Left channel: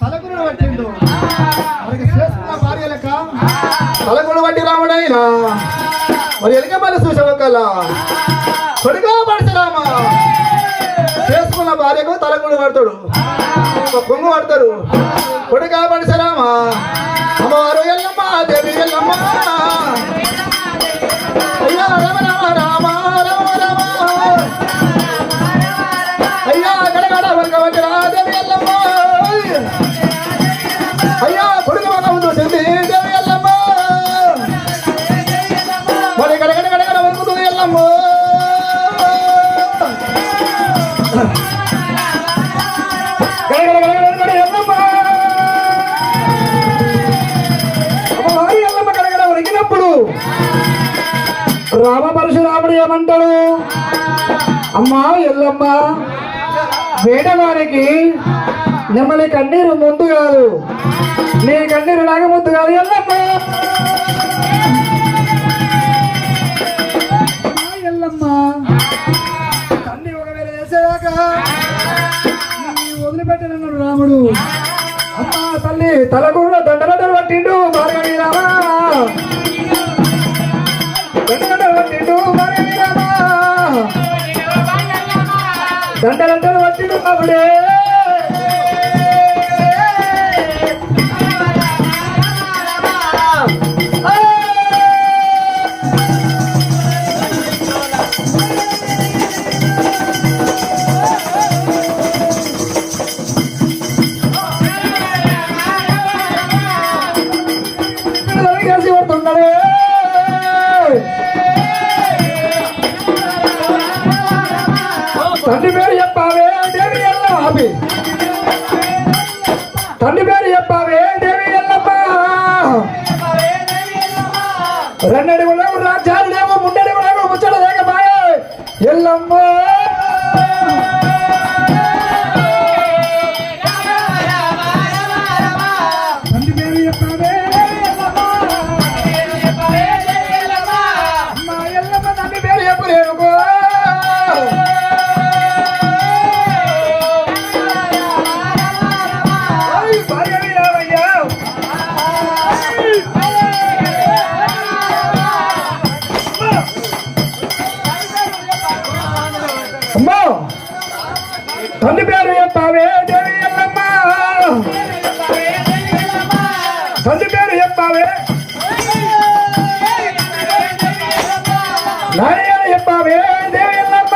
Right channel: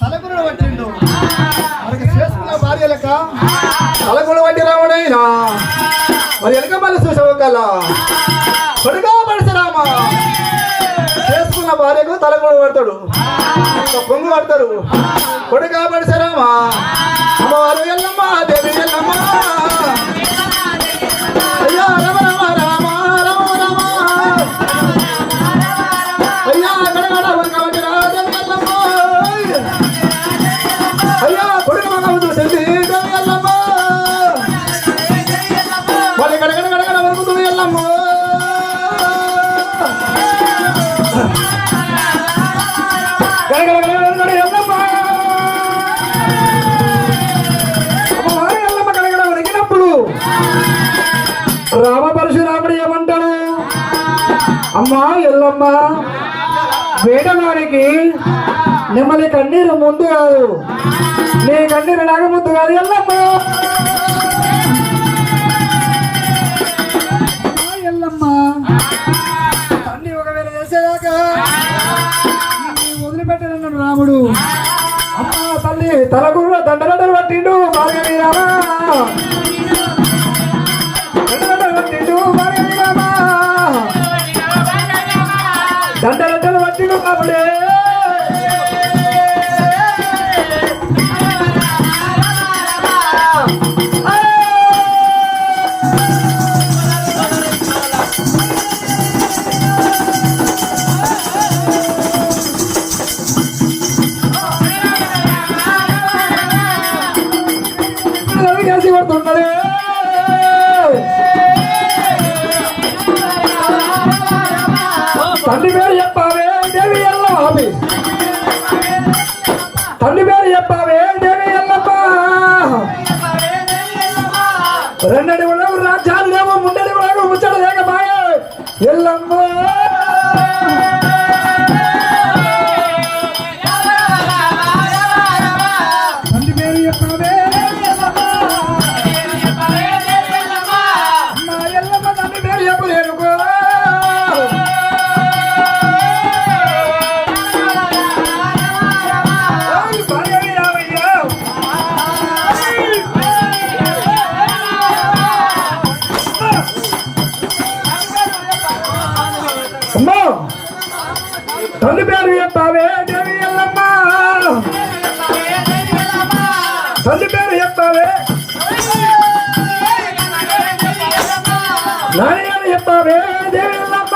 తలకుడు పట్టిండు మనకి చేసుకున్న భార్య లెక్క తలకుడు పట్టి రాముడైనా మరి వెనక మళ్ళీ చూసవక్కల కొడుగా పరశురామ చేసుకున్న భార్యకు తలకుడు పడతాడు పొంగు పడతాడు కొడుగా పరశురామ అమ్మవారు ఎల్లమ్మ దేవి ఎల్లమ్మ అయ్యా రమ రమ రామ రామ రామ అయ్యా గడగడ వర్గ వంటి దేవి ఎల్లమ్మ అయ్యా కొడుకు మగం చూసింది దేవి ఎల్లమ్మ మరి గడగడ గడగడ వరుగుతుంది ఎల్లమ్మ గడగడ గడగడ ఎల్లమ్మ అమ్మవారి ఎల్లమ్మ గడగడ వరిగినప్పుడు రామ పరశురాముడు ఏమంటాడు? అమ్మా ఎల్లమ్మ, వేటవారికి నెమ్మలి కన్నీరు ముందు కాదు, నీ కన్నీరు లాగా ముందు కాదు ఎల్లమ్మ. ఎల్లమ్మ తన్ని ఒకవేళ చేసేదాకా వదిలిపెట్టనన్నాడు రాముడు. అమ్మ తల్లి తలకూడలో దండలంటలు పట్టిండు మార్గీరామా, దండలంటలు పట్టిండు మార్గీరామా, దండలంటలు పట్టిండు కాబడే తండ్రి పేరు చెప్పావే దేవి ఎల్లమ్మ, తండ్రి పేరు చెప్పావే దేవి ఎల్లమ్మ. రెండడి లేవు రాజ్యాలు లేవు, ముండడి లేవు, ముచ్చట లేకపాయే ఎల్లమ్మ. తండ్రి పేరు చెప్పావే ఎల్లమ్మ, అమ్మ ఎల్లమ్మ తండ్రి పేరు చెప్పలేను. అమ్మా తండ్రి పేరు చెప్పావే దేవి ఎల్లమ్మ, తండ్రి పేరు చెప్పావే, నాయన చెప్పావే దేవి ఎల్లమ్మ.